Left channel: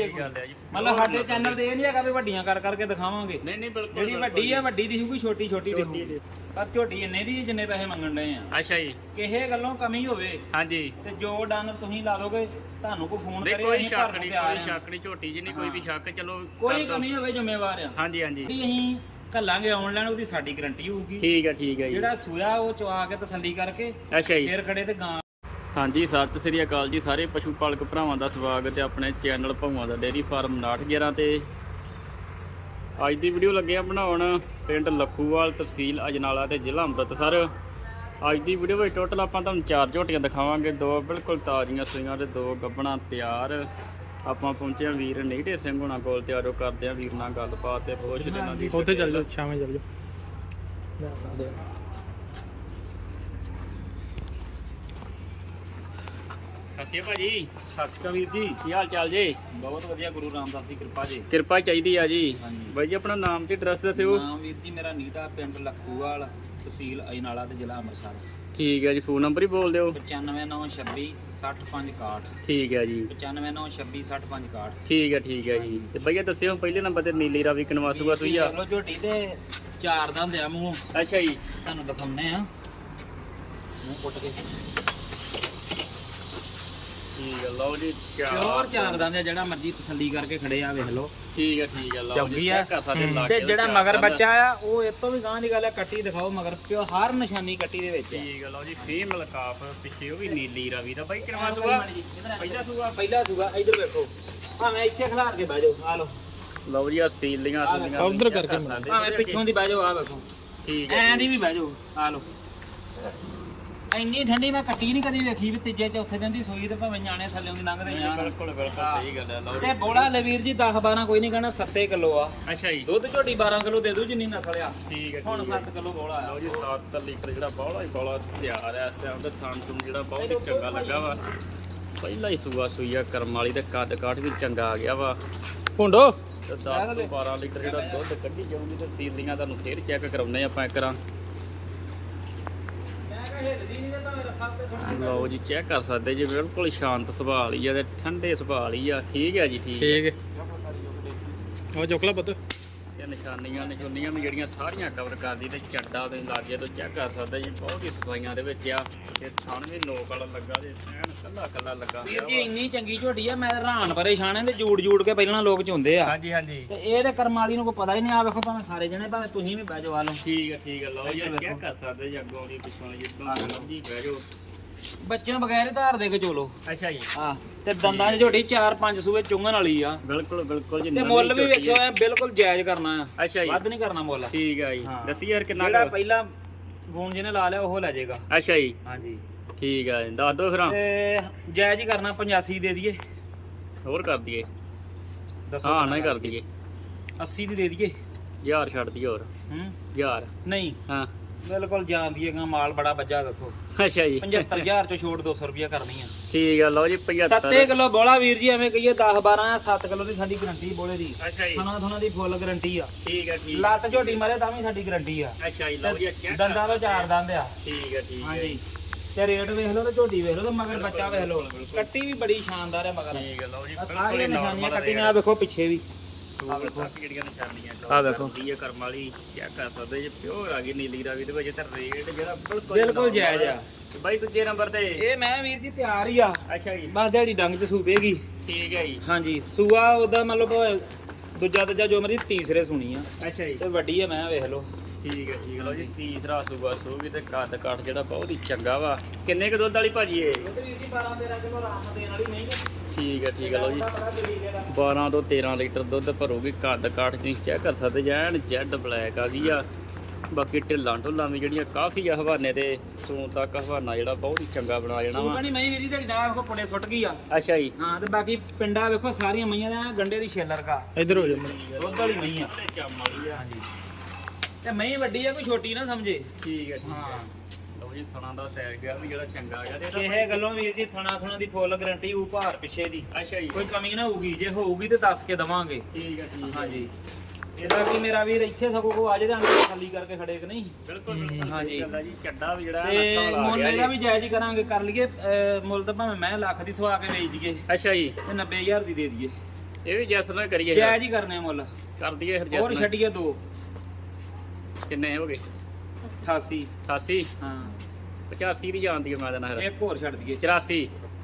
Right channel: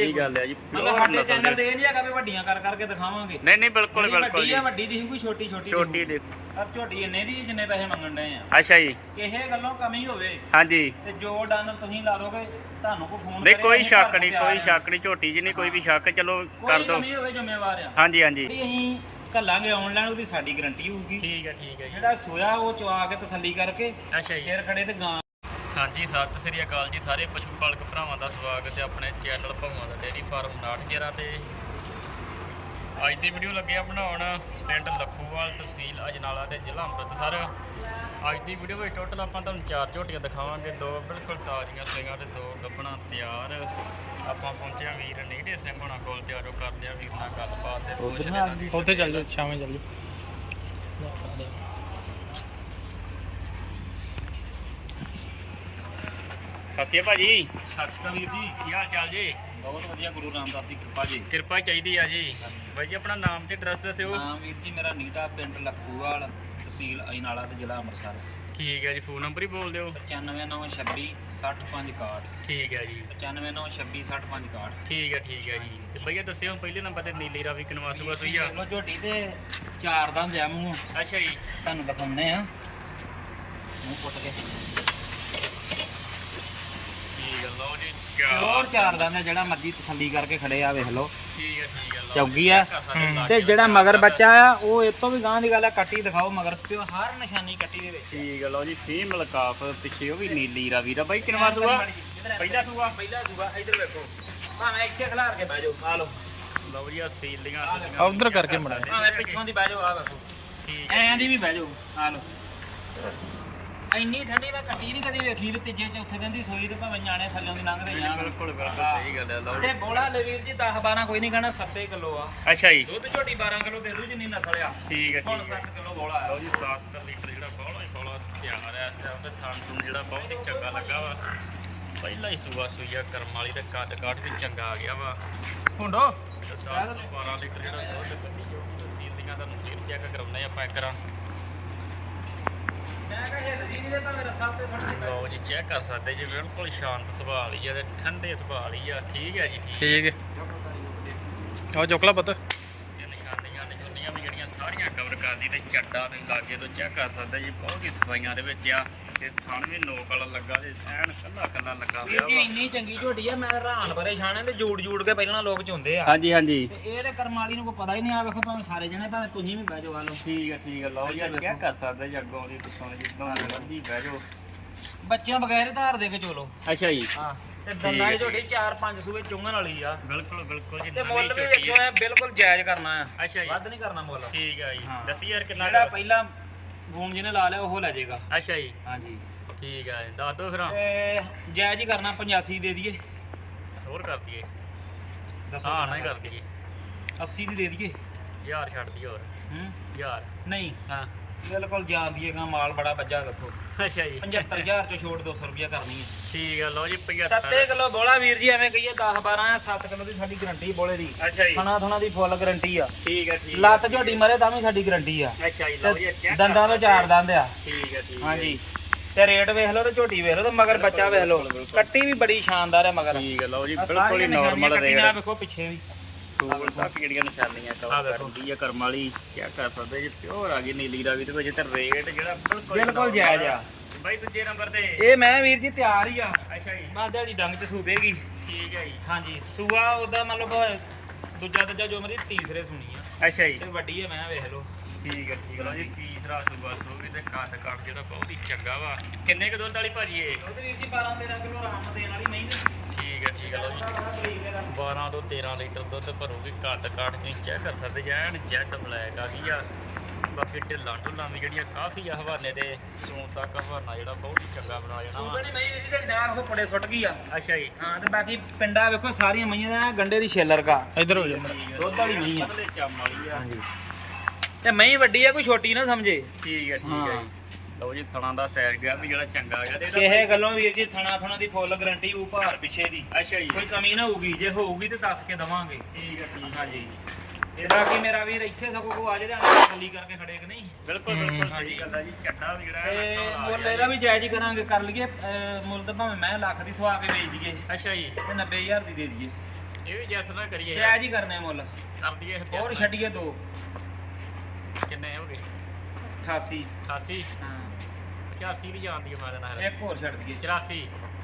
ਸਹੀ ਗੱਲ ਹੈ ਜੀ ਮਤਲਬ ਸਾਡੇ ਚੈਨਲ ਤੇ ਇਹ ਨਹੀਂ ਹੈਗਾ ਵੀ ਵੱਡੀਆਂ ਕਰ ਕਰਕੇ ਦਿਖਾਵਾਂਗੇ। ਨਹੀਂ ਨਹੀਂ ਬਿਲਕੁਲ ਜਿਹੜੀ ਬਿਲਕੁਲ ਵੱਡੀ ਆ ਵੱਡੀ ਦੀ ਹੋਊਗੀ ਛੋਟੀ ਛੋਟੀ ਛੋਟੀ ਦੀ ਦੇ ਪਰ ਝੋਟੀ ਇੰਨੇ ਦੀ ਜਿੰਨੇ ਪੈਸੇ ਮੰਗਣ ਡਏ ਆ। ਅੱਛਾ ਜੀ। ਕਿਸੇ ਗੱਲੋਂ ਕਮੀ ਹੋਵੇ ਹਾਂਜੀ। ਤੇ ਜੋ ਡਨ ਤੁਸੀਂ ਲਾ ਦੋਗੇ ਤੁਹਾਨੂੰ ਕੋਈ ਫੋਨ ਨਹੀਂ ਕਰੇ ਕੋਈ ਅਸੀਂ ਸ਼ੱਕ ਭਰ ਨਹੀਂ ਕੇ ਆ ਕੋਈ ਰਹੇ ਹਾਂ। ਸ਼ੱਕ ਨਹੀਂ ਝੋਟੀ ਜੀ ਨਹੀਂ ਕੋਈ ਵੀ ਸ਼ੱਕ ਚਲੋ ਕੋਈ ਕਰ ਦੋ ਕਮੀ ਹੋਵੇ ਜ਼ਿੰਮੇਵਾਰ ਆ। ਹਾਂਜੀ ਹਾਂਜੀ। ਜਿਹੜੀ ਅਸੀਂ ਕੱਲਾਂਗੇ ਆਨਲਾਈਨ ਉਹਦੀ ਸਾਡੀ ਗਾਰੰਟੀ ਹੋਊਗੀ। ਠੀਕ ਹੈ ਠੀਕ ਹੈ ਜੀ। ਜਿਹੜਾ ਸੋਇਆ ਉਹ ਚਵਾ ਕੇ ਤਸੱਲੀ ਕਰਕੇ ਅੱਛਾ ਜੀ। ਫੇਰ ਖੜੇ ਤੇ ਗਾਂ ਹਾਂਜੀ, ਸਤਿ ਸ੍ਰੀ ਅਕਾਲ ਜੀ ਸਾਰੇ ਪਸ਼ੂ ਪਾਲਕ ਭਰਾਵਾਂ ਦਾ ਸਵਾਗਤ ਹੈ ਆਪਣੇ ਚੈਨਲ ਭੌਵਾਂ ਦਾ ਡੇਅਰੀ ਫਾਰਮ 911 ਤੇ। ਅੱਜ ਦੀ ਵੀਡੀਓ ਲੱਗੇ ਆ ਬਣਾਉਣ ਪਿੰਡ ਲੱਖੂਵਾਲ ਤਹਿਸੀਲ ਅਜਨਾਲਾ ਤੇ ਜ਼ਿਲ੍ਹਾ ਅੰਮ੍ਰਿਤਸਰ। ਅੱਜ ਦੀ ਵੀਡੀਓ ਵਿੱਚ ਟੋਟਲ ਆਪਾਂ ਤੁਹਾਨੂੰ ਚਾਰ ਝੋਟੀਆਂ ਦਿਖਾਵਾਂਗੇ, ਦੋ ਬਿਲਕੁਲ ਤਾਜ਼ੀਆਂ ਸਿੰਘਾਂ ਤੇ ਦੋ ਗੱਬਣਾ ਤਿਆਰ। ਆਪਾਂ ਪਹੁੰਚਿਆ ਵੀਰ ਨੀਟੇ ਸਿੰਘ ਹੁਣਾਂ ਕੋਲ, ਤਿਆਰੋ ਕਰਦੇ ਆ ਵੀਰ ਨਾਲ ਗੱਲਬਾਤ ਤੇ ਪੁੱਛਦੇ ਇਹਨਾਂ ਉੱਥੇ ਚੱਲ ਜਾਓ, ਸ਼ਾਮੇ ਚੱਲ ਜਾਓ। ਸਤਿ ਭਾਜੀ। ਸਤਿ ਸ਼੍ਰੀ ਅਕਾਲ ਵੀਰ ਜੀ। ਕੀ ਹਾਲ ਚਾਲ ਜੀ? ਬਹੁਤ ਵਧੀਆ ਗੁਰੂ ਰਾਮਦਾਸ ਦੀ ਕਿਰਪਾ ਜੀ। ਕਿਰਪਾ ਚਾਹੀਦੀ ਆ ਜੀ। ਹਾਂਜੀ। ਬਾਈ ਜੀ ਆਪਣਾ ਨਾਮ ਤੇ ਐਡਰੈਸ ਦੱਸਿਓ। ਨਾਮ ਵੀਰ ਜੀ ਮੇਰਾ ਨੀਟਾ ਪਿੰਡ ਲਖੂਵਾਲ ਤਹਿਸੀਲ ਅਜਨਾਲਾ ਤੇ ਜ਼ਿਲ੍ਹਾ ਅੰਮ੍ਰਿਤਸਰ। ਠੀਕ ਹੈ ਜੀ ਫੋਨ ਨੰਬਰ ਹੀ ਬੋਲ ਦਿਓ। 95926 60561 ਠੀਕ ਹੈ ਜੀ। 95926 60561 ਠੀਕ ਹੈ ਠੀਕ ਹੈ ਜੀ। ਤੇ ਭਈਆ ਦੱਸਿਓ ਪਹਿਲੇ ਨੰਬਰ ਤੇ ਨੀਲੀ ਰਾਵੀ ਕਨਵਾਸੂਆ ਸੀ ਆ। ਲੋ ਝੋਟੀ ਤੇ ਚਾਰ ਦੰਦ ਆ ਮੂੰਹ। ਅੱਛਾ ਜੀ। ਤੁਹਾਨੂੰ ਦਿਖਾਉਣੇ ਆ। ਮੂੰਹ ਪੁੱਟ ਕੇ। ਲਓ ਜੀ ਪਿਓਰ ਚਾਰ ਦੰਦ ਆ ਜਿਹੜਾ ਮਰਜ਼ੀ ਤਸੱਲੀ ਕਰਕੇ ਖੜੇ ਆ ਵੇਖ ਲਓ। ਠੀਕ ਹੈ ਠੀਕ ਹੈ ਲਓ ਚੌਗੀ ਆ ਤੇ ਜਿਹੜਾ ਮਗਰ ਬੱਚਾ ਆ ਉਹ ਇਹ ਤੋਂ ਵੀ ਗਾਂ ਦੀ ਗੱਲ ਆ ਕੱਟੀ ਦਿਖਾਓ ਮਗਰ ਪਿਓ ਹਰ ਨਿਸ਼ਾਨੀ ਕੱਟੀ ਦੇ ਵਿੱਚ। ਠੀਕ ਹੈ ਲਓ ਜੀ ਫੀਮੇਲ ਕਾਫ ਪਿੱਛੇ ਉਹ ਵੀ ਨੀਲੀ ਰਾਵੀ ਦਾ। ਬਾਈ ਕਨਵਾਸੂਆ ਪਹਿਲਾ ਸੂਆ ਪਹਿਲਾ ਸੂਆ ਇੱਧਰ ਵੇਖੋ। ਭਾਵੇਂ ਇੱਥੇ ਖਿਲਾਰ ਕੇ ਬਹਿ ਜਾਓ ਆ ਲਓ। ਲਓ ਜੀ ਆ ਸੀਲੀਆਂ ਆ ਸੀਲੀਆਂ ਉਧਰ ਕਰਕੇ ਮੜਾ। ਭਾਵੇਂ ਪਿੱਛੋਂ ਦੀ ਬਹਿ ਜਾਓ ਆ ਵੇਖੋ। ਠੀਕ ਹੈ ਐਂ ਦੀ ਵੀ ਬਹਿ ਜਾਓ ਆ ਲਓ। ਇੰਨੀ ਠੰਡੀ ਮੈਂ ਕੱਟੀ ਨਹੀਂ ਕਦੀ ਵੇਖੀ ਵੀ ਤੀਜੇ ਚੌਥੇ ਦਿਨ ਦੀ ਸੋਈ ਤੇ ਭਾਵੇਂ ਨਿਆਣੇ ਥੱਲੇ ਦੀ ਲੰਘਦੇ ਜਾਣ। ਬਿਲਕੁਲ ਬਿਲਕੁਲ ਸਹੀ ਗੱਲ ਹੈ ਤੇ ਬੋਲਾ ਲੈ ਵੀਰ ਜੀ 10 12 ਕੋਈ ਨਹੀਂ ਕਹਿਣਾ 7 ਕਿਲੋ ਆ। ਅੱਛਾ ਜੀ। ਦੁੱਧ ਝੋਟੀ 12 ਕਿਲੋ ਦੇ ਦੂ ਜਿੰਨੀ ਨਸਲ ਆ। ਠੀਕ ਹੈ ਠੀਕ ਹੈ। 7 ਕਿਲੋ ਆ। ਲਓ ਜੀ 7 ਲੀਟਰ ਜਿਹੜਾ ਬੌਲਾ ਹੀ ਬੌਲਾ ਤਿਆਰ ਹੈ ਇਸ ਟਾਈਮ ਤੇ ਥਾਂ ਥੂਣ ਜਿਹੜਾ ਬਹੁਤ ਹੀ ਚੰਗਾ ਲੱਗਾ ਵਾ। ਪਹਿਲਾ ਹੀ ਸੂਆ ਸੂਈਆ ਕਰਮ ਵਾਲੀ ਤੇ ਕੱਦ ਕਾਠ ਵੀ ਚੰਗਾ ਆ ਗਿਆ ਵਾ। ਭੁੰਡੋ? ਤੇ 10 ਤੋਂ 12 ਲੀਟਰ ਜਿਹੜਾ ਦੁੱਧ ਕੱਢੀ ਜਾਊਗੀ ਤੇ ਸੀਲੀਆਂ ਤੁਹਾਨੂੰ ਫੇਰ ਚੈੱਕ ਕਰਾਉਂਦੇ ਆਪਾਂ ਕਰਾਂ ਮੈਂ ਕਿਹਾ ਹਿੱਲਦੀ ਜੀ ਚੈੱਕ ਕਰ ਸਕਦੇ ਜੀ, ਬਿਲਕੁਲ ਸ਼ਾਂਤ ਸੁਭਾਅ ਵਾਲੀ ਆ ਤੇ ਠੰਡੇ ਸੁਭਾਅ ਵਾਲੀ ਆ। ਠੀਕ ਹੈ ਜੀ, ਠੀਕ ਹੈ। ਠੀਕ। ਹੈ ਆਓ ਚੋਕਲਾ ਪੁੱਤ ਤੇ ਨਿਸ਼ਾਨੀਆਂ ਨਿਸ਼ਾਨੀਆਂ ਵੀ ਜਿਹੜੀਆਂ ਸਾਰੀਆਂ ਕਵਰ ਕਰਦੀ ਤੇ ਚੱਡਾ ਤੇ ਲਾਗੇ ਤੋਂ ਚੈੱਕ ਕਰ ਸਕਦੇ ਜੀ ਬਹੁਤ ਹੀ ਸਫਾਈਆਂ ਦੇ ਵਿੱਚ ਆ। ਤੇ ਥਣ ਵੀ ਨੋਕ ਵਾਲਾ ਲੱਗਾ ਤੇ ਐਨ ਕੱਲਾ ਕੱਲਾ ਲੱਗਾ ਹੋਇਆ ਵਾ। ਇੰਨੀ ਚੰਗੀ ਝੋਟੀ ਆ ਮੈਂ ਹੈਰਾਨ ਪਰੇਸ਼ਾਨ ਆ ਤੇ ਜੂੜ ਜੂੜ ਕੇ ਪਹਿਲਾਂ ਲੋਕ ਚੁੰਦੇ ਆ। ਹਾਂਜੀ ਹਾਂਜੀ। ਤੇ ਇਹ ਤੇ ਕਰਮ ਵਾਲੀ ਨੂੰ ਕੋਈ ਪਤਾ ਹੀ ਨਹੀਂ ਆ ਵੇਖੋ ਭਾਵੇਂ ਸਾਰੇ ਜਣੇ ਭਾਵੇਂ ਤੁਸੀਂ ਵੀ ਬਹਿ ਜਾਓ ਆ ਲਓ। ਠੀਕ ਹੈ ਠੀਕ ਹੈ ਲਓ ਯਾਰ ਚੈੱਕ ਕਰ ਸਕਦੇ ਜੀ ਅੱਗੋਂ ਦੀ ਪਿਛੋਂ ਜਿੱਦਾਂ ਮਰਜ਼ੀ ਬਹਿ ਜਾਓ। ਬੱਚਿਆਂ ਬਗੈਰ ਧਾਰ ਦੇ ਕੇ ਚੋਲੋ ਅੱਛਾ ਜੀ। ਆ ਤੇ ਦੰਦਾਂ ਦੀ ਝੋਟੀ 4-5 ਸੂਏ ਚੁੰਗਣ ਵਾਲੀ ਆ। ਬਿਲਕੁਲ ਬਿਲਕੁਲ ਜੀ ਤੇ ਨਵੀਂ ਮੁੱਲ ਵੀ ਝੋਟੀ ਵੇਖਿਓ ਹੈ। ਐ ਬਿਲਕੁਲ ਜਾਇਜ਼ ਕਰਨਾ ਆ। ਅੱਛਾ ਜੀ। ਵੱਧ ਨਹੀਂ ਕਰਨਾ ਮੁੱਲ। ਠੀਕ ਹੈ ਜੀ। ਹਾਂ। ਦੱਸੀ ਯਾਰ ਕਿੰਨਾ ਜਿਹੜਾ ਕੁ- ਪਹਿਲਾਂ ਜਿਹਨੇ ਲਾ ਲਿਆ ਉਹ ਲੈ ਜਾਏਗਾ। ਅੱਛਾ ਜੀ। ਹਾਂਜੀ। ਠੀਕ ਹੈ ਜੀ, ਦੱਸ ਦਿਓ ਫਿਰ ਤੇ ਜਾਇਜ਼ ਹੀ ਕਰਨਾ 85 ਦੇ ਦਈਏ। ਹੋਰ ਕਰ ਦਈਏ। ਦੱਸੋ ਹਾਂ ਨਹੀਂ ਕਰ ਦਈਏ। 80 ਦੀ ਦੇ ਦਈਏ। ਯਾਰ ਛੱਡ ਦਈਏ ਹੋਰ। ਹੂੰ। ਯਾਰ ਨਹੀਂ। ਹਾਂ। ਬਿਲਕੁਲ ਜਾਨ ਦੀਏਗਾ ਮਾਲ ਬੜਾ ਵੱਜਾ ਵੇਖੋ। ਅੱਛਾ ਜੀ। 75000 ਚੋਂ ਛੋੜ 200 ਰੁਪਿਆ ਕਰਨੀ ਆ। ਠੀਕ ਹੈ ਲਓ ਜੀ 75 7 ਕਿਲੋ ਬੋਲਾ ਵੀਰ ਜੀ ਐਵੇਂ ਕਹੀਏ 10 12 ਆ 7 ਕਿਲੋ ਦੀ ਸਾਡੀ ਗਰੰਟੀ ਬੋਲੇ ਦੀ। ਅੱਛਾ ਜੀ। ਥਣਾ ਥਣਾ ਦੀ ਫੁੱਲ ਗਰੰਟੀ ਆ। ਠੀਕ ਹੈ ਠੀਕ ਲੱਤ ਝੋਟੀ ਮਰੇ ਤਾਂ ਵੀ ਸਾਡੀ ਗਰੰਟੀ ਆ। ਅੱਛਾ ਜੀ ਲਓ ਜੀ ਚੈੱਕ ਦੰਦਾਂ ਵਿੱਚ ਚਾਰ ਦੰਦ ਆ। ਠੀਕ ਹੈ ਠੀਕ ਹੈ ਹਾਂਜੀ। ਤੇ ਰੇਟ ਵੇਖ ਲਓ ਤੇ ਝੋਟੀ ਵੇਖ ਲਓ ਤੇ ਮਗਰ ਬੱਚਾ ਵੇਖ ਲਓ। ਕੱਟੀ ਵੀ ਬੜੀ ਸ਼ਾਨਦਾਰ ਹੈ ਮਗਰ। ਠੀਕ ਹੈ ਲਓ ਜੀ ਆਹ ਬਿਲਕੁਲ ਸਾਰੀਆਂ ਹੀ ਨਿਸ਼ਾਨੀਆਂ ਨਾਰਮਲ ਕੱਟੀ ਨਾਲ ਵੇਖੋ ਪਿੱਛੇ ਵੀ। ਕਿਹੜੀਆਂ ਨਿਸ਼ਾਨੀਆਂ ਆਹ ਕਵਰ ਵੇਖੋ। ਕਰਦੀ ਹੈ ਕਰਮ ਵਾਲੀ ਚੈੱਕ ਕਰ ਸਕਦੇ ਜੀ ਪਿਓਰ ਆ ਗਈ ਨੀਲੀ ਰਾਵੀ ਦੇ ਵਿੱਚ ਤੇ ਰੇਟ ਜਿਹੜਾ ਬਿਲਕੁਲ ਹੀ ਬਿਲਕੁਲ ਜਾਇਜ਼ ਆ। ਤੇ ਬਾਈ ਦੂਜੇ ਨੰਬਰ ਤੇ। ਇਹ ਮੈਂ ਵੀਰ ਜੀ ਤਿਆਰ ਹੀ ਆ। ਅੱਛਾ ਜੀ। ਬਸ ਦਿਹਾੜੀ ਡੰਗ ਚ ਸੂਪੇਗੀ। ਠੀਕ ਹੈ ਜੀ। ਹਾਂਜੀ ਸੂਆ ਉਹਦਾ ਮਤਲਬ ਦੂਜਾ ਤੀਜਾ ਜੋ ਮਰਜ਼ੀ ਤੀਸਰੇ ਸੁਣੀ ਆ। ਅੱਛਾ ਜੀ। ਤੇ ਵੱਡੀ ਹੈ ਮੈਂ ਵੇਖ ਲਓ। ਠੀਕ ਹੈ ਠੀਕ ਹੈ। ਲਓ ਜੀ ਤੀਸਰਾ ਸੂਗਾ ਸੂਗੀ ਤੇ ਕੱਦ ਕੱਟ ਜਿਹੜਾ ਬਹੁਤ ਹੀ ਚੰਗਾ ਵਾ। ਕਿੰਨੇ ਕੁ ਦੁੱਧ ਵਾਲੀ ਭਾਜੀ ਇਹ? ਦੁੱਧ ਵੀਰ ਜੀ 12 13 ਕਿਲੋ ਆਰਾਮ ਨਾਲ ਦੇਣ ਵਾਲੀ ਨਹੀਂ ਠੀਕ ਹੈ ਠੀਕ ਹੈ ਲਓ ਜੀ। 12 ਤੋਂ 13 ਲੀਟਰ ਦੁੱਧ ਭਰੂਗੀ ਕੱਦ ਕਾਠ ਤੁਸੀਂ ਚੈੱਕ ਕਰ ਸਕਦੇ ਜੈਨ ਜੈਡ ਬਲੈਕ ਆ ਗਈ ਆ। ਬਾਕੀ ਢਿੱਲਾਂ ਢੁੱਲਾਂ ਵੀ ਜਿਹੜੀਆਂ ਕਾਫੀ ਆ ਹਵਾਨੇ ਤੇ ਸੂਣ ਤੱਕ ਹਵਾਨਾ ਜਿਹੜਾ ਬਹੁਤ ਹੀ ਚੰਗਾ ਬਣਾ ਜਾਣਾ ਵਾ। ਸੂਪਣੀ ਮੈਂ ਵੀਰ ਜੀ ਤੇ ਡਾਂ ਵੇਖੋ ਪੜੇ ਸੁੱਟ ਗਈ ਆ। ਅੱਛਾ ਜੀ। ਹਾਂ ਤੇ ਬਾਕੀ ਪਿੰਡਾ ਵੇਖੋ ਸਾਰੀਆਂ ਮਈਆਂ ਦਾ ਗੰਡੇ ਦੀ ਛੇਲਰ ਕਾ। ਇੱਧਰ ਹੋ ਜਾ ਦੁੱਧ ਵਾਲੀ ਨਹੀਂ ਆ। ਚੰਮ ਵਾਲੀ ਆ। ਤੇ ਮਈ ਵੱਡੀ ਆ ਕੋਈ ਛੋਟੀ ਨਾ ਸਮਝੇ। ਠੀਕ ਹੈ ਠੀਕ ਹੈ ਹਾਂ। ਜੀ। ਲਓ ਜੀ ਥਣਾ ਦਾ ਸਾਈਜ਼ ਗਿਆ ਵੀ ਜਿਹੜਾ ਚੰਗਾ ਹੈਗਾ ਤੇ ਕਿਸੇ ਗੱਲੋਂ ਵੀਰ ਜੀ ਥਣਾ ਥਣਾ ਦੀ ਫੁੱਲ ਗਾਰੰਟੀ ਹੋਊ ਭਾਰ ਪਿੱਛੇ ਦੀ। ਅੱਛਾ ਜੀ। ਕੋਈ ਕਮੀ ਨਾ ਹੋਊਗੀ ਜੇ ਹੋਊਗੀ ਤੇ ਦੱਸ ਕੇ ਦਵਾਂਗੇ। ਠੀਕ ਹੈ ਠੀਕ ਹੈ ਹਾਂਜੀ। ਤੇ ਬਾਕੀ ਮੇਰਾ ਵੀਰ ਇੱਥੇ ਸਗੋਂ ਕੋ ਆ ਜੇ ਤੇ ਅੰਦਰ ਖਾਲੀ ਕਰਕੇ ਖੜੇ ਕਿ ਨਹੀਂ? ਬਿਲਕੁਲ। ਸਹੀ ਗੱਲ ਆ ਜੀ ਚੱਡਾ ਵੀ ਜਿਹੜਾ ਤੇ ਮੁੱਲ ਇਹਦਾ ਜੀ। ਵੀ ਜਾਇਜ਼ ਹੀ ਕਰਾਂਗੇ ਕਰ ਲਈਏ ਮੁੱਲ ਤਾਂ ਭਾਵੇਂ ਮੈਂ ਲੱਖ ਦੀ ਸਵਾ ਕੇ ਵੇਚ ਦਈਏ। ਅੱਛਾ ਜੀ। ਤੇ 90000 ਦੀ ਦੇ ਦਈਏ। ਇਹ ਵੀ ਜੈਸ ਨਾਲ ਕਰੀਏ ਜਾਇਜ਼ ਹੀ ਕਰਨੇ ਆ ਮੁੱਲ। ਕਰ ਦਈਏ ਹੋਰ। ਛੱਡੀਏ ਦੋ। ਕਿੰਨੇ ਹੋ ਗਏ? 88 88 ਹਾਂ। 85 ਦੀ ਜਾਂਦੀ ਹੈ ਮੈਂ ਦੇਣਾ ਫਿਰ ਇੱਕ ਹੋਰ ਛੱਡ ਦਈਏ। 84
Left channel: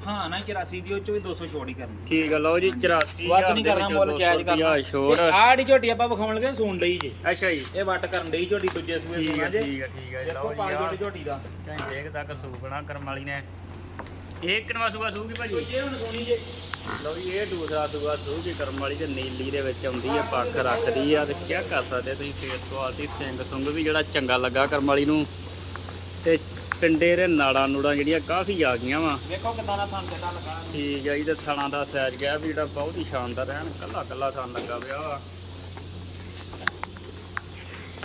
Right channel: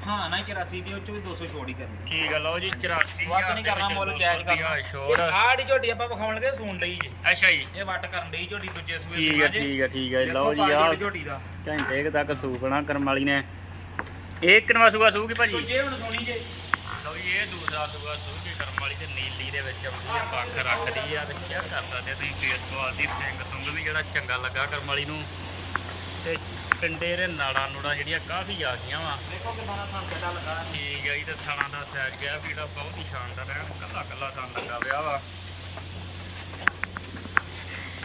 ਹਾਂ ਨਾ 84 ਦੀ ਉਹ ਚੋਂ ਵੀ 200 ਛੋੜ ਹੀ ਕਰਨੀ। ਠੀਕ ਹੈ ਲਓ ਜੀ 84 ਵੱਧ ਨਹੀਂ ਕਰਨਾ ਮੁੱਲ ਜਾਇਜ਼ ਕਰਨਾ। ਛੋੜ। ਆੜੀ ਝੋਟੀ ਆਪਾਂ ਵਿਖਾਉਣ ਲੱਗੇ ਸੂਣ ਲਈ ਜੇ। ਅੱਛਾ ਜੀ। ਇਹ ਵੱਟ ਕਰਨ ਲਈ ਝੋਟੀ ਦੂਜੇ ਸੂਏ ਠੀਕ ਹੈ ਠੀਕ ਹੈ ਠੀਕ ਹੈ ਲਓ ਜੀ ਆਹ ਝੋਟੀ ਦਾ। ਘੰਟੇ ਤੱਕ ਸੂਕਣਾ ਕਰਮ ਵਾਲੀ ਨੇ। ਇਹ ਕਿਨਵਾ ਸੂਗਾ ਸੂਗੀ ਭਾਜੀ? ਦੂਜੇ ਹੁਣ ਸੁਣੀ ਜੇ। ਜੀ ਇਹ ਦੂਸਰਾ ਸੂਗਾ ਸੂਗੀ ਕਰਮ ਵਾਲੀ ਤੇ ਨੀਲੀ ਦੇ ਵਿੱਚ ਆਉਂਦੀ ਹੈ ਪੱਖ ਰੱਖਦੀ ਆ ਤੇ ਕੀ ਕਰ ਸਕਦੇ ਤੁਸੀਂ ਫੇਸ ਕੁਆਲਿਟੀ ਸਿੰਘ ਸੁੰਗ ਵੀ ਜਿਹੜਾ ਚੰਗਾ ਲੱਗਾ ਕਰਮ ਵਾਲੀ ਨੂੰ। ਤੇ ਪਿੰਡੇ ਦੇ ਨਾੜਾਂ ਨੂੜਾਂ ਜਿਹੜੀਆਂ ਕਾਫੀ ਆ ਗਈਆਂ ਵਾ। ਦੇਖੋ ਕਿੰਨਾ ਦਾ ਕਿੱਡਾ ਲੱਗਾ। ਹੈ। ਠੀਕ ਹੈ ਜੀ ਤੇ ਥਣਾ ਦਾ ਸਾਈਜ਼ ਗਿਆ ਵੀ ਜਿਹੜਾ ਬਹੁਤ ਹੀ ਸ਼ਾਨਦਾਰ ਐਨ ਕੱਲਾ ਕੱਲਾ ਥਣ ਲੱਗਾ ਪਿਆ ਵਾ।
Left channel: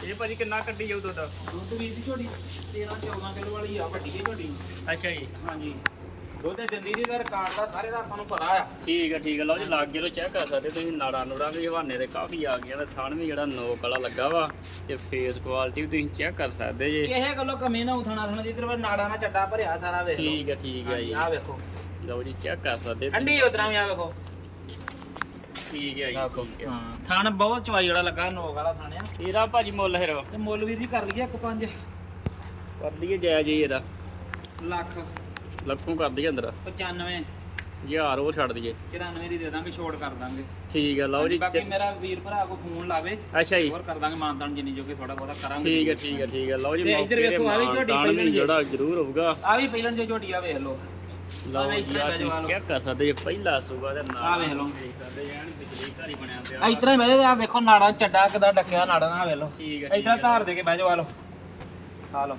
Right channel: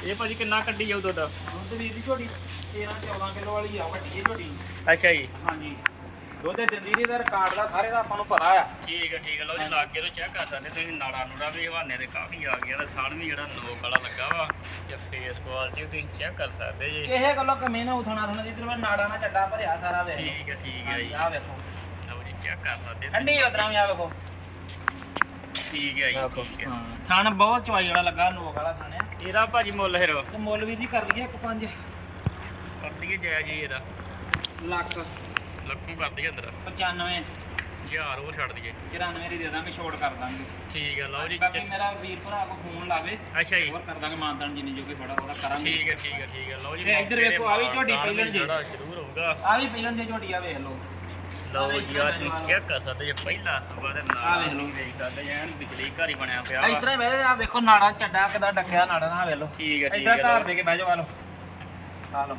ਇਹ ਭਾਜੀ ਕਿੰਨਾ ਕੱਢੀ ਜਾਊ ਤੁਹਾਡਾ? ਦੁੱਧ ਦੀ ਝੋਟੀ 13 14 ਕਿਲੋ ਵਾਲੀ ਆ ਵੱਡੀ ਹੈ ਝੋਟੀ ਅੱਛਾ ਜੀ। ਹਾਂਜੀ। ਦੁੱਧ ਨਹੀਂ ਤੇ ਰਿਕਾਰਡ ਦਾ ਸਾਰੇ ਦਾ ਆਪਾਂ ਨੂੰ ਪਤਾ ਆ। ਠੀਕ ਹੈ ਠੀਕ ਹੈ ਲਓ ਜੀ ਲਾਗੇ ਤੋਂ ਚੈੱਕ ਕਰ ਸਕਦੇ ਤੁਸੀਂ ਨਾੜਾ ਨੂੜਾ ਵੀ ਹਵਾਨੇ ਦੇ ਕਾਫੀ ਆ ਗਈਆਂ ਤੇ ਥਣ ਵੀ ਜਿਹੜਾ ਨੋਕ ਵਾਲਾ ਲੱਗਾ ਵਾ ਤੇ ਫੇਸ ਕੁਆਲਿਟੀ ਵੀ ਤੁਸੀਂ ਚੈੱਕ ਕਰ ਸਕਦੇ ਜੀ। ਇਹ ਗੱਲੋਂ ਕਮੀ ਨਾ ਉਥਣਾ ਥਣਾ ਜਿੱਧਰ ਵਾ ਨਾੜਾ ਨਾਲ ਚੱਡਾ ਭਰਿਆ ਸਾਰਾ ਵੇਖ। ਠੀਕ ਹੈ ਠੀਕ ਹੈ ਜੀ। ਆ ਵੇਖੋ। ਲਓ ਜੀ ਚੈੱਕ ਕਰ ਸਕਦੇ। ਠੰਡੀ ਉਤਰਾਂ ਵੀ ਆ ਵੇਖੋ। ਠੀਕ ਹੈ ਜੀ ਠੀਕ ਹੈ ਥਣ ਬਹੁਤ ਚਵਾਈ ਵਾਲਾ ਲੱਗਾ ਨੋਕ ਵਾਲਾ ਥਣ ਇਹਦਾ ਭਾਜੀ ਮੁੱਲ ਫਿਰ। ਮੁੱਲ ਵੀ ਦੀ ਕਰ ਲਈਏ ਇੱਕ ਪੰਜ। ਕਰ ਦਈਏ ਜਾਇਜ਼ ਜੀ ਇਹਦਾ। ਲੱਖ। ਲੱਖੋਂ ਕਰ ਦਈਏ ਅੰਦਰ। 95 ਹਜ਼ਾਰ ਉਹ ਛੱਡ ਦਈਏ। 94 ਦੀ ਦੇ ਦਾਂਗੇ ਛੋੜ ਕਰ ਦਾਂਗੇ। ਠੀਕ ਹੈ ਲਓ ਜੀ ਬਾਕੀ ਮੇਰਾ ਵੀਰ ਭਰਾ ਕੋ ਫੋਨ ਲਾਵੇ ਅੱਛਾ ਜੀ। ਹੋਰ ਕਰ ਦਾਂਗੇ ਮਾਨਤਾਨ ਜਿੰਨੀ ਜੋ ਕਿ ਥੋੜਾ ਬਹੁਤਾ ਕਰਾਂਗੇ। ਠੀਕ ਹੈ ਠੀਕ ਹੈ ਠੀਕ ਹੈ ਲਓ ਜੀ ਤੇ ਇੱਧਰ ਵੇਖੋ, ਆ ਵੀ ਝੋਟੀ ਪਹਿਲਣ ਜੇ। ਜਿਹੜਾ ਜ਼ਰੂਰ ਹੋਊਗਾ। ਆ ਵੀ ਪਹਿਲਾਂ ਜੇ ਝੋਟੀ ਆ ਵੇਖ ਲਓ। ਲਓ ਜੀ ਆ ਕਰ ਸਕਦੇ ਜੇ ਪਹਿਲਾ ਸੂਗਾ ਤੇ ਨਾਲ ਵੇਖ ਲਓ। ਵੇਖ ਐਨ ਬਿਜਲੀ ਘਰ ਹੀ ਬਣਿਆ ਪਿਆ ਹੀ ਮੈਂ ਆ ਵੇਖੋ ਨਾੜਾ ਚੱਡਾ ਕਿਦਾਂ ਡੱਕਿਆ ਨਾੜਾ ਨਾਲ ਵੇਖ ਲਓ। ਠੀਕ ਹੈ ਠੀਕ ਧਾਰ ਦੇ ਕੇ ਬਹਿ ਜਾਓ ਆ ਲਓ। ਆ ਲਓ।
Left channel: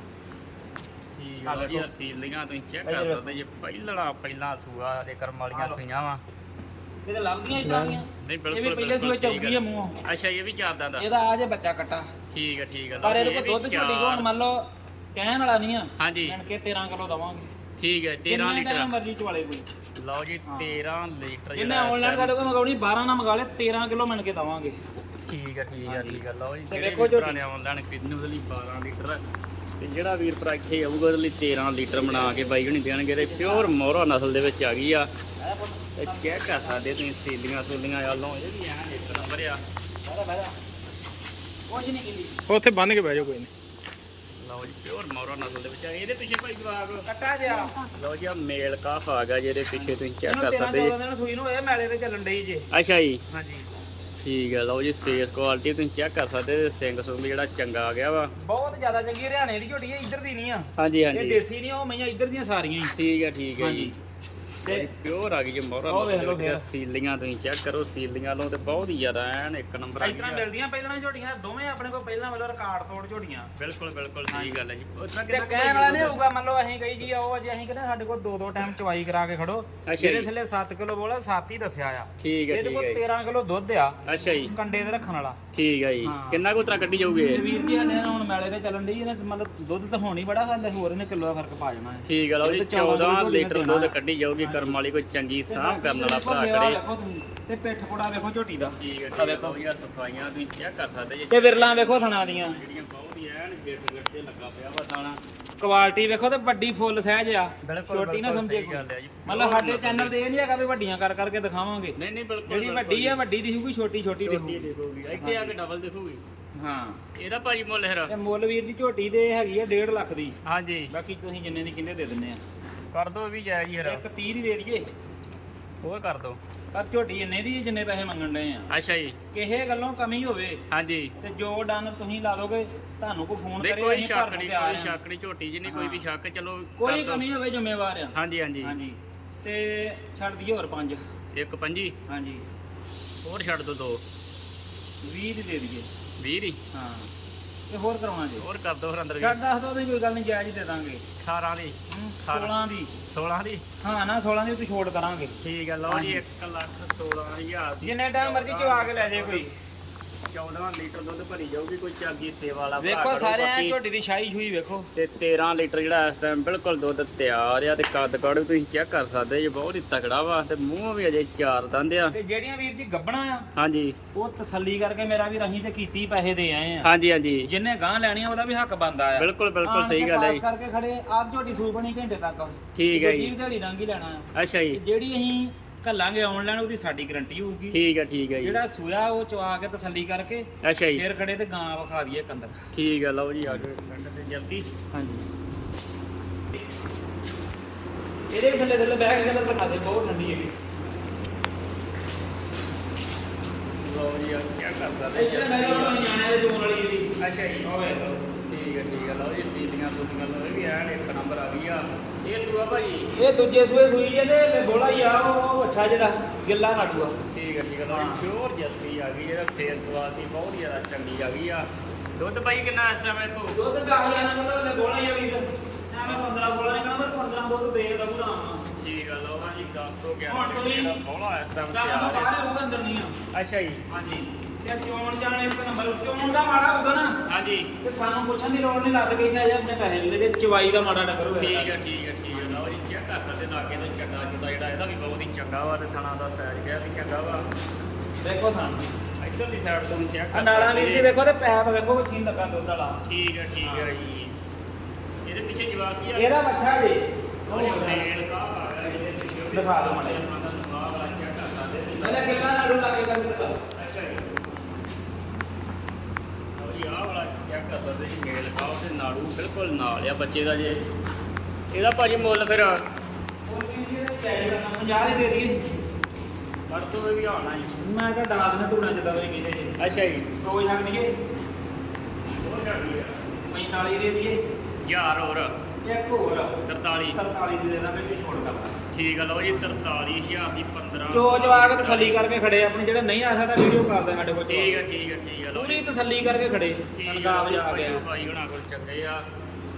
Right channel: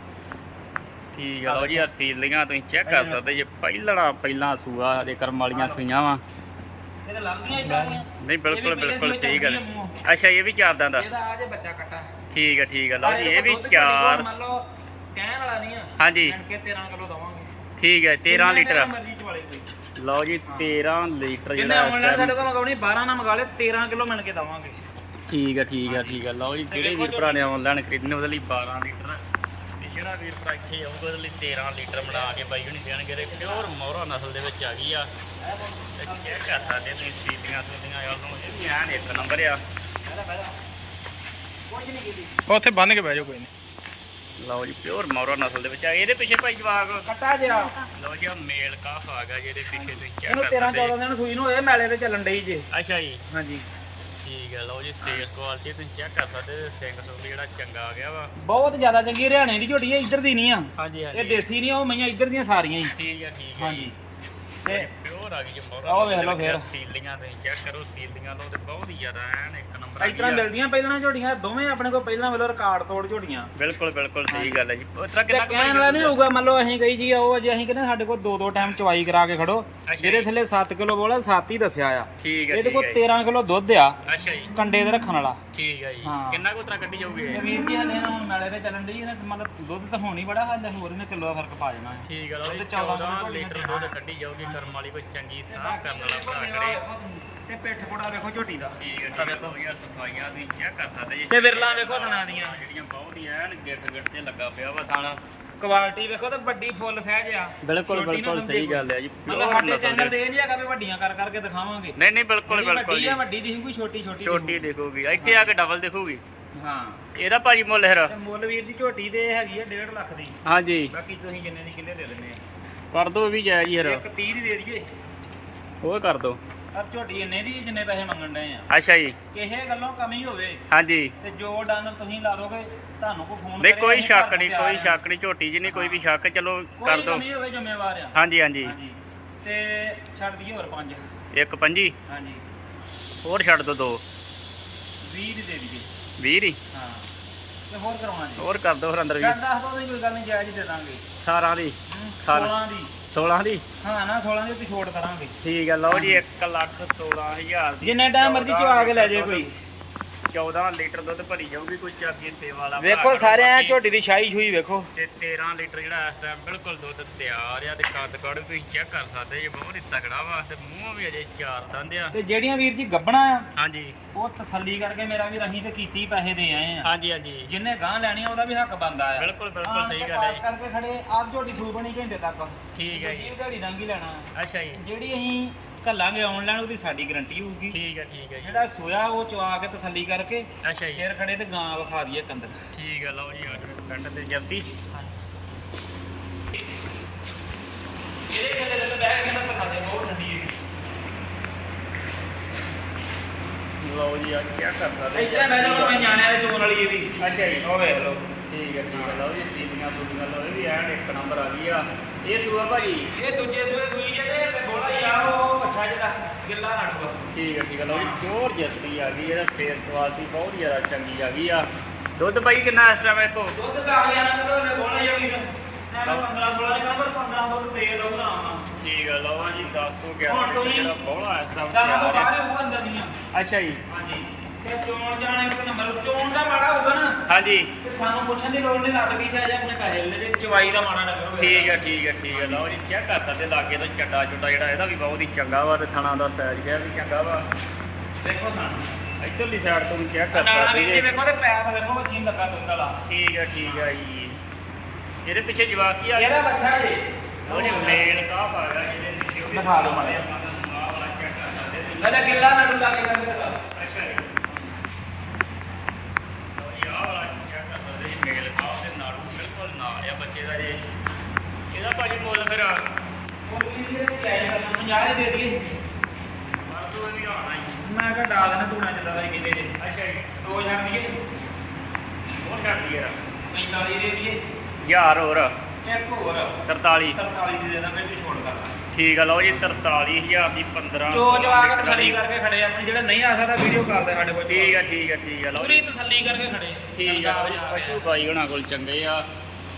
ਠੀਕ ਹੈ ਲਓ ਜੀ ਆ ਸੀਲੀਆਂ ਤੁਸੀਂ ਚੈੱਕ ਕਰ ਸਕਦੇ ਜੇ ਪਹਿਲਣਾ ਪਹਿਲਾਂ ਸੂਆ ਹਰੇ ਕਰਮ ਵਾਲੀਆਂ ਸੂਈਆਂ ਵਾ। ਇਹਦੇ ਲੰਘੀਆਂ ਹੀ ਪਾਉਂਦੀਆਂ ਨਹੀਂ ਬਿਲਕੁਲ ਇਹ ਬਿਲਕੁਲ ਆ। ਗੱਲ ਮੂੰਹ। ਅੱਛਾ ਇਹ ਵੀ ਚਾਰਦਾਂ ਦਾ। ਇਹਦਾ ਆ ਜੇ ਬੱਚਾ ਕੱਟਾ। ਠੀਕ ਹੈ ਠੀਕ ਹੈ ਲਓ ਇਹ ਵੀ ਚਾਰ। ਮੰਨ ਲਓ ਕਹਿਣ ਵਾਲਾ ਨਹੀਂ ਆ। ਹਾਂਜੀ। ਕੇ 13 ਕਿਲੋ ਦਵਾਂਗੇ। ਠੀਕ ਹੈ 13 ਜਿੰਨੇ ਲੀਟਰ ਮਰਜ਼ੀ ਚਵਾਲੇ ਕੋਈ। ਲਓ ਜੀ 13 ਲੀਟਰ ਜਿਹੜਾ ਇਸ ਆਨਲਾਈਨ ਸਾਡੇ ਕੋਲ ਮੰਗਾਉਣੀ 12 ਨਾ ਮੰਗਾ ਲੈ 13 ਕਿਲੋ ਮਿਲ ਕੇ ਦਵਾਂਗੇ। ਠੀਕ ਹੈ ਠੀਕ ਹੈ ਠੀਕ ਹੈ ਲਓ ਜੀ ਤੇ ਜਿਹੜੇ ਵੇਖੋ ਵੀ ਭਰਾ ਨੇ ਆਨਲਾਈਨ ਖਰੀਦਣੇ ਉਹਦੇ ਲਈ 12 ਲੀਟਰ ਤੇ ਜਿਹੜਾ ਵੀਰ ਭਰਾ ਇੱਥੇ ਆਊਗਾ ਉਹਦੇ ਲਈ 13 ਲੀਟਰ ਬਣਾ ਕੇ ਬਾਈ ਹੁਣੀ ਦੇਣਗੇ ਤੇ ਪਿਓਰ ਮੋਹਰਾ ਨਸਲ ਦੇ ਵਿੱਚ ਆ ਗਈ ਆ। ਤੇ ਚੈੱਕ ਕਰ ਸਕਦੇ ਤੁਸੀਂ ਸੀਲੀਆਂ ਸੂਲੀਆਂ ਵੱਲੋਂ ਇਹ ਵੀ ਐਨ ਇੱਕ ਨੰਬਰ ਆ। ਕੁਝ ਨਹੀਂ ਕੀਤੀ ਉੱਥੇ ਬੰਨ ਕੇ ਬਹਿ ਜਾਓ ਕੋਈ ਨਹੀਂ ਲਓ ਜੀ ਪਿਓਰ ਮੋਹਰਾ ਨਸਲ ਦੇ ਵਿੱਚ ਆ ਇਹਦੇ ਪਿੱਛੇ ਭਾਈ ਜਵਾਗ ਕੱਟਾ ਜਿਆ ਲਓ ਜੀ ਆ ਮੇਲ ਕਾਫ ਆ ਗਿਆ ਜਿਹਦੇ ਪਿੱਛੇ ਤੁਸੀਂ ਚੈੱਕ ਇਹਨੂੰ ਕਰ 13 ਸਕਦੇ 14 ਦਿਨ ਸੂਈ ਨੂੰ ਇਹ ਮੈਲੇ ਤੇ ਚੱਲਣ ਡਈ ਜੇ। ਅੱਛਾ ਜੀ। ਹਾਂਜੀ। ਠੀਕ ਹੈ ਲਓ ਜੀ ਫੇਸ ਕੁਆਲਿਟੀ ਤੁਸੀਂ ਚੈੱਕ ਕਰ ਸਕਦੇ ਤੇ ਸਿੰਘ ਸੁੰਗ ਜਿਹੜਾ ਚੰਗਾ ਆ ਗਿਆ ਵਾ। ਬਹੁਤ ਜ਼ਿਆਦਾ ਚੰਗੀ ਹਰਿਆਣੇ ਦੀ ਝੋਟੀ ਹੈ ਇੱਧਰ ਦੀ ਨਹੀਂ ਆ। ਹਾਂਜੀ ਇਹ ਹਾਂਜੀ ਦੇਸੀ ਨਹੀਂ ਉਹ ਮਈਆਂ ਇੱਧਰ ਦੀਆਂ ਸਾਰੀਆਂ ਹੀ। ਠੀਕ ਹੈ ਠੀਕ ਹੈ ਜੀ। ਤੇ ਪਿਓਰ ਆ ਗਈ ਜੀ ਮੋਹਰਾ ਆਹ ਨਸਲ ਵੇਖ ਦੇ ਲਓ ਵਿੱਚ ਫਿਰ। ਸੀਲੀਆਂ ਤੁਸੀਂ ਚੈੱਕ ਕਰੋ ਸੀਲੀਆਂ ਤੋਂ ਤੇ ਬਹੁਤ ਹੀ ਜ਼ਿਆਦਾ ਐਨ ਇੱਕ ਨੰਬਰ ਆ ਇਸ ਤਰ੍ਹਾਂ ਗਈ ਆ ਮਿਲਦੀਆਂ ਪਹਿਲਾਂ ਝੋਟੀਆਂ ਦੋਵੇਂ ਆਪਣੇ ਕੋਲ ਪਹਿਲਾਂ ਵੱਲੋਂ ਰਿਕਾਰਡ ਤੋੜ ਝੋਟੀਆਂ ਬਿਲਕੁਲ ਬਿਲਕੁਲ ਸਹੀ ਗੱਲ ਹੈ ਜੀ ਉਸ ਤਰ੍ਹਾਂ ਤੇ ਕਿੰਨਾ ਕੁ ਕਹਿਣ ਵਾਲਾ ਨਹੀਂ ਹੋਊਗਾ ਮੰਨ ਲਓ ਅਸੀਂ ਕਹੀ ਜੀ ਉਹ ਜੇ ਅਸੀਂ ਕਹਿੰਦੇ ਸਾਡੇ ਕੋਲ ਦੋ ਦੋ ਟਾਈਮ ਚਵਾਈ ਕਰਾ ਕੇ ਖੜੋ ਅੱਛਾ ਜਿਹਦੇ ਜੀ। ਥੱਲੇ 7 ਕਿਲੋ ਬੋਲਾ 7 ਹੀ ਦੱਸਿਆ ਆ ਠੀਕ ਹੈ ਇਹਦੇ ਠੀਕ ਕੋਲ ਹੈ ਜੀ। 13 ਕਿਲੋ ਦੁੱਧ ਆ ਅੱਛਾ ਜੀ ਕੰਡੇ ਦੇ ਰੱਖਣ ਵਾਲਾ ਠੀਕ ਹੈ ਜੀ ਹਾਂ। ਕਿੰਨਾ ਕੁ ਉਤਰਾ ਕੱਢੀ ਜਾਊਗੀ ਤੇ ਇਹ? ਵੀਰ ਜੀ ਹਲੇ ਨਾ ਹੁਣ ਮੈਲੇ ਤੇ ਚੱਲਣ ਇਹਦਾ ਮਤਲਬ ਦੁੱਧ ਤਾਂ ਹੋਣੀ ਬੜਾ ਹਾਲੇ ਹੋਰ ਇਹਨੇ ਕਿਲੋ ਦਾ ਫ਼ਰਕ ਪਾ ਜਾਣਾ ਹੈ ਠੀਕ ਹੈ ਲਓ ਜੀ ਦੁੱਧ ਚੌਦਾਂ ਕਿਲੋ 14 ਝੋਟੀ ਨੇ ਲੀਟਰ ਦੇਣਾ ਦੁੱਧ ਹੈ। ਕੱਢੀ ਜਾਊਗੀ ਕਰਮ ਵਾਲੀ ਕੋਈ ਚੰਗੀ ਸਾਹ ਕਰਨ ਵਾਲਾ ਭਰਾ ਕਰੇ। ਤੇ ਪਿੱਠ ਕੋੜਾ ਵੇਖੋ ਝੋਟੀ ਦਾ। ਠੀਕ ਹੈ ਠੀਕ ਹੈ ਆ ਸਫਾਈਆਂ ਤੁਸੀਂ ਚੈੱਕ ਕਰ ਸਕਦੇ ਜੀ। ਤੇ ਵਿਰਲਾ ਵੇਖੋ ਥਣਾ ਦੀਆਂ। ਜਿਹੜੀਆਂ ਬਹੁਤ ਹੀ ਐਨ ਗਿੱਟ ਗਿੱਟ ਤੇ ਲੱਗਾ ਪਿਆ ਵਾ ਥਾਣਾ। ਕੁਆਲਿਟੀ ਵੇਖੋ ਤੇ ਵੱਡੀ ਫੁੱਲ ਸਹਿਜ ਆ। ਬਿਲਕੁਲ ਛੋਟੀ ਨਾ ਸਮਝੇ ਗੱਲ ਹੈ ਜੀ। ਮਤਲਬ ਸਾਡੇ ਚੈਨਲ ਤੇ ਇਹ ਨਹੀਂ ਹੈਗਾ ਵੀ ਵੱਡੀਆਂ ਕਰ ਕਰਕੇ ਦਿਖਾਵਾਂਗੇ। ਨਹੀਂ ਨਹੀਂ ਬਿਲਕੁਲ ਬਿਲਕੁਲ ਵੱਡੀ ਆ ਵੱਡੀ ਦਿਖੂਗੀ ਛੋਟੀ ਛੋਟੀ ਛੋਟੀ ਦਿਖੂਗੀ। ਦੇਖੋਗੀ। ਇੱਥੇ ਆ ਕੇ ਡਬਲ ਦੇਖੋਗੀ। ਹਾਂ। ਇਹਦਾ ਭਾਜੀ ਮੁੱਲ ਹੈ ਤੇ ਮੁੱਲ ਵੀਰ ਦੀ ਝੋਟੀ ਦੇ ਹੈਗੀ ਆ 1.5 ਲੱਖ ਦੀ। ਹਾਂਜੀ। ਬਾਕੀ ਤੁਸੀਂ ਜਿੰਨੇ ਦੀ ਕਿੰਨੇ ਦੇ ਦਿੰਨੇ ਆ? ਕਰ ਦੋ ਵੀ ਜਾਇਜ਼ ਹੀ ਹਰ ਇੱਕ 30 ਦੀ ਦੇ ਦਈਏ। ਉਹ ਕਰ ਦੋ। ਪਰ ਝੋਟੀ ਇੰਨੇ ਦੀ ਜਿੰਨੇ ਪੈਸੇ ਮੰਗਣ ਡਏ ਆ। ਅੱਛਾ ਜੀ। ਕਿਸੇ ਗੱਲੋਂ ਕਮੀ ਹੋਵੇ ਹਾਂਜੀ। ਤੇ ਜੋ ਡਨ ਤੁਸੀਂ ਲਾ ਦੋਗੇ ਤੁਹਾਨੂੰ ਕੋਈ ਫੋਨ ਨਹੀਂ ਕਰੇ, ਕੋਈ ਸ਼ੱਕ ਨਹੀਂ ਕੋਈ ਸ਼ੱਕ ਨਹੀਂ ਝੋਟੀ ਜੀ ਨਹੀਂ ਕੋਈ ਵੀ ਸ਼ੱਕ ਚਲੋ ਕਰ ਕੋਈ ਦੋ। ਕਮੀ ਹੋਵੇ ਜ਼ਿੰਮੇਵਾਰ ਆ। ਹਾਂਜੀ ਹਾਂਜੀ। ਹਾਂਜੀ। ਤੇ ਛੱਡ ਦਈਏ ਹੋਰ ਪੰਜ। ਇੱਕ ਪੰਜੀ। ਹਾਂਜੀ। ਹੋਰ ਛੱਡ ਦੋ ਦੋ। 20 ਦੀ ਦੇ ਦਈਏ। 20 ਹੀ ਹਾਂ। ਤੇ ਹੋਰ ਜੀ ਹੋਰ ਕਰ ਦੋ ਫਿਰ ਅੰਦਰ ਵੀ। ਛੱਡ ਦੱਸ ਦੋ ਨਹੀਂ ਕੋਈ ਗੱਲ ਨਹੀਂ ਜਾਇਜ਼ ਦੇ ਦਾਂਗੇ। 18 ਦੀ। ਹਮ, ਸਾਰਾ। 16 ਦੀ। 16 ਦੀ? ਹਾਂ ਨਾ 16 ਦੀ ਤੇ ਛੋੜ ਕਰਾਂਗੇ। ਠੀਕ ਹੈ ਲਓ ਜੀ 1 ਲੱਖ 16000 ਦੀ। ਜਿੰਨੇ ਟਾਈਮ ਮਰਜ਼ੀ ਚਵਾ ਕੇ ਲੈ ਜਾਏ ਕੋਈ। 14 ਲੀਟਰ ਦੁੱਧ ਭਰੀ ਜਾਊਗੀ ਕੋਈ ਚਾਗੀ ਸੇਵਾ ਵਾਲਾ ਭਰਾ ਵੇਖੋ ਸਾਰੇ ਐ ਬਾਕੀ। ਝੋਟੀ ਦੀ ਸ਼ਾਹੀ ਛੂਈ ਵੇਖੋ। ਤੇ 13 ਲੀਟਰ ਜਿਹੜਾ ਇਸ ਟਾਈਮ ਬਿਲਕੁਲ ਦੁੱਧ ਤਿਆਰ ਆ ਤੇ ਕੱਦ ਕਾੜ ਵੀ ਤੁਸੀਂ ਚੈੱਕ ਕਰ ਸਕਦੇ ਜੇ ਬਹੁਤ ਹੀ ਤਕੜਾ ਵਾ ਤੇ ਮੂੰਹ ਵੀ ਅਜੇ ਚਾਰ ਦੰਦ ਆ। ਤੇ ਜਿਹੜੀਆਂ ਵੀਰ ਜੀ ਗੱਬਣਾ ਆ ਹਾਂਜੀ। ਉਹ ਤਸੱਲੀ ਕਰਕੇ ਮੇਰਾ ਵੀ ਰਹੀਂ ਤੇ ਕੀਤੀ ਪੈਸੇ ਦੇ ਆਏ ਆ। ਹਾਂਜੀ ਹਾਂਜੀ। ਜਿੰਨੇ ਗਾਂ ਲੈਣੀ ਆ, ਉਹਦਾ ਵੀ ਹੱਕ ਬਣਦਾ ਆ। ਬਿਲਕੁਲ ਬਿਲਕੁਲ ਆਣ ਸਹੀ ਕੇ ਗੱਲ ਹੈ ਪਾਸ ਜੀ ਕਰਕੇ ਖੜੇ ਆਪ ਝੋਟੀ ਸੂ ਬਣੀ ਘੰਟੇ ਤੱਕ। ਠੀਕ ਹੈ ਜੀ। ਜੀ ਰੰਗ ਹੀ ਲੈਣਾ ਹੈ। ਅੱਛਾ ਜੀ। ਜਿਹੜੀ ਅਸੀਂ ਘੱਲਾਂਗੇ ਆਨਲਾਈਨ ਉਹਦੀ ਸਾਡੀ ਗਾਰੰਟੀ ਹੋਊਗੀ। ਠੀਕ ਹੈ ਠੀਕ ਹੈ ਜੀ। ਜਿਹੜਾ ਸੋਇਆ ਉਹ ਚਵਾ ਕੇ ਤਸੱਲੀ ਕਰਕੇ ਅੱਛਾ ਜੀ। ਫੇਰ ਖੜੇ ਤੇ ਗਾਂ ਵਿਖਾ ਦਈਏ ਕੰਦਰ ਠੀਕ ਹੈ ਲਓ ਜੀ ਆ ਜਾਓ ਪਿੰਡ ਤੇ ਜਰਸੀ। ਹਾਂਜੀ। ਇਹਦੇ ਥੱਲੇ ਥੱਲੇ ਬਹਿ ਕੇ ਤਾਂ ਬਣਾ ਦੇ ਬਹੁਤ ਠੰਡੀ ਹੈ। ਲਓ ਜੀ ਆ ਕੀ ਕਰ ਸਕਦੇ ਇੱਥੇ ਮੈਂ ਨਾ ਮੈਂ ਨਿਆਣਿਆਂ ਦੇ ਚੋਣ ਵਾਲੀ ਇਹ ਵੀ। ਅੱਛਾ ਜੀ। ਲਓ। ਠੀਕ ਹੈ ਠੀਕ ਹੈ ਲਓ ਜੀ ਸੀਨੀਆਂ ਸੂਟੀਆਂ ਲਓ ਐਨ ਇੱਕ ਨੰਬਰ ਆ ਗਈ ਆ। ਇਹ ਸੂਆ ਭਾਜੀ ਇਹ ਦੂਜੇ ਸੂਏ ਸੂਈ ਜੇ ਤੇ ਥੋੜਾ ਯਾਰ ਉਹ ਅੱਛਾ ਜਿਹੜਾ ਗਿੱਲਾ ਨਾੜੂਆ ਠੀਕ ਹੈ ਠੀਕ ਹੈ ਜੀ ਪਿਓਰ ਜਰਸੀ ਆ ਗਈ ਇਹਦਾ ਫੇਸ ਕੁਆਲਿਟੀ ਬਹੁਤ ਜ਼ਿਆਦਾ ਚੰਗੀ ਆ ਗਈ ਆ। ਦੁੱਧ ਭਾਈ ਕਿੰਨਾ ਇਸ ਟਾਈਮ ਇਹ ਤੋਂ ਦੁੱਧ ਦਾ ਆ ਗਿਆ ਨਾ ਤਾਂ ਉਹਨੇ ਬੋਲਾ ਜਾਂ ਵੀਰ ਐਵੇਂ 15 16 ਦੇ ਨੰਬਰ 15 ਦੁੱਧ ਦੇ ਲਓ ਨਾ। ਆਉਣਾ ਠੀਕ ਹੈ ਲਓ ਜੀ 10 ਤੋਂ 11 ਹੁਣ ਤੁਸੀਂ- ਜਿਹੜਾ ਬੋਲਾ ਇਸ ਟਾਈਮ ਤਾਂ ਆ। ਅੱਛਾ ਜੀ। ਹਾਂਜੀ। ਤੇ ਚੋਣ ਜਾਣੇ ਇੱਕ ਨੰਬਰ ਚੋਣ ਦਾ ਮਾੜਾ ਹੋਊਗਾ ਨਾ। ਹਾਂਜੀ। ਤੇ ਸਾਨੂੰ ਪੁੱਛਣ ਦੀ ਲੋੜ ਨਹੀਂ ਲੱਗ ਗਈ ਕਿ ਅਜੇ ਆਪਣੇ ਪੈਸੇ ਲੈ ਜੇ ਚਵਾਈ ਦਾ ਮਾੜਾ ਨਕਰ ਹੋਇਆ। ਠੀਕ ਹੈ ਠੀਕ ਹੈ ਠੀਕ ਹੈ ਲਓ ਜੀ ਚੈੱਕ ਕਰ ਸਕਦੇ ਲਾਗੇ ਤੋਂ ਚੱਡਾ ਚੁੱਡਾ ਜਿਹੜਾ ਇਹਦਾ ਵੀ ਬਹੁਤ ਹੀ ਚੰਗਾ ਵਾ ਤੇ ਥਣਾ ਦਾ ਸਾਈਜ਼ ਜਿਹਾ ਵੀ ਚੰਗਾ ਵਾ। ਦੇਖੋ ਤਾਂ ਇੱਧਰਲੀ ਸਾਈਡ ਤੋਂ ਵੀ ਚੈੱਕ ਕਰ ਨਾਲਾ ਸਕਦੇ ਵੀ ਵੇਖੋ ਤੇ ਪੈਪ ਵੇਖੋ ਮਸ਼ੀਨ ਲੱਗਾ ਦੁੱਧ ਵਾਲਾ ਠੀਕ ਹੈ ਠੀਕ ਹੈ ਜੀ। ਇਹਦੇ ਪਿੱਛੇ ਜਵਾਕ ਕੀ ਆ ਇਹਦਾ ਅੱਛਾ ਜੀ। ਉਹ ਮੇਲ ਕਾ ਪਾਇਆ ਇਹਦੇ ਪਿੱਛੇ ਉਹ ਦਿਖਾ ਦਿਓ। ਮਾੜਾ ਆਹ ਵਾਲਾ ਚੈੱਕ ਕਰ ਸਕਦੇ। ਇਹਦਾ ਗਿੱਲਾ ਨਾੜੂ ਲਾ ਕੇ ਕਰ ਦਿੱਤਾ ਅੱਛਾ ਜੀ ਲਓ ਜੀ ਆਹ ਵਾਲਾ ਚੈੱਕ ਕਰ ਸਕਦੇ ਜੀ ਮੇਲ ਕਾ ਤੇ ਨਾੜੂ ਬਿਲਕੁਲ ਨਾਲ ਆ ਬੱਚੇ ਦਾ ਜੇ। ਇਹਦਾ ਭਾਜੀ ਮੁੱਲ ਫਿਰ ਉਹ ਕੀ ਇਹ ਚਾਹੀਦਾ ਕਰਨਾ 50 ਹੀ ਦੇ ਦੀ ਪਰਸੋਂ ਵੀ ਆਉਣਾ ਹੀ। ਮੈਂ ਕਿਹਾ ਡਾਲ ਦੇਣਾ ਧੂਣਾ ਜਿੱਦਾਂ ਦਾ ਹੀ ਕਹਿੰਦੇ ਜੇ। ਅੱਛਾ ਜੀ। ਦੋ ਛੱਡ ਦਈਏ। ਹੋਰ ਛੱਡ ਦਈਏ 45 ਦੇ ਦਈਏ। ਯਾਰ ਹੋਰ। ਇੱਕ ਹੋਰ। 43 43 ਦੀ ਦੇ ਦਾਂਗੇ ਵੀ ਛੋੜ ਕਰ ਠੀਕ ਆ ਲਓ ਜੀ 43000 ਦੀ 15 ਚੋ ਚਵਾ ਕੇ ਤਸੱਲੀ ਕਰਕੇ ਖੜੇ ਆਪਣੇ ਜਿਹੜੇ ਨਹੀਂ ਆ ਸਕਦਾ ਵੀਡੀਓ ਕਰਦੇ ਸਾਡੇ ਕੋਲ। ਠੀਕ ਆ ਠੀਕ ਆ ਠੀਕ ਆ ਲਓ ਪੂਰੀ ਤਸੱਲੀ ਕਰਕੇ ਖੜੇ। ਠੀਕ ਆ ਪੰਜਾਬ ਜਾ ਕੇ ਪਸ਼ੂ ਭਾਈ ਉਹਨਾਂ ਕੋਲ ਚੰਗੇ ਆ।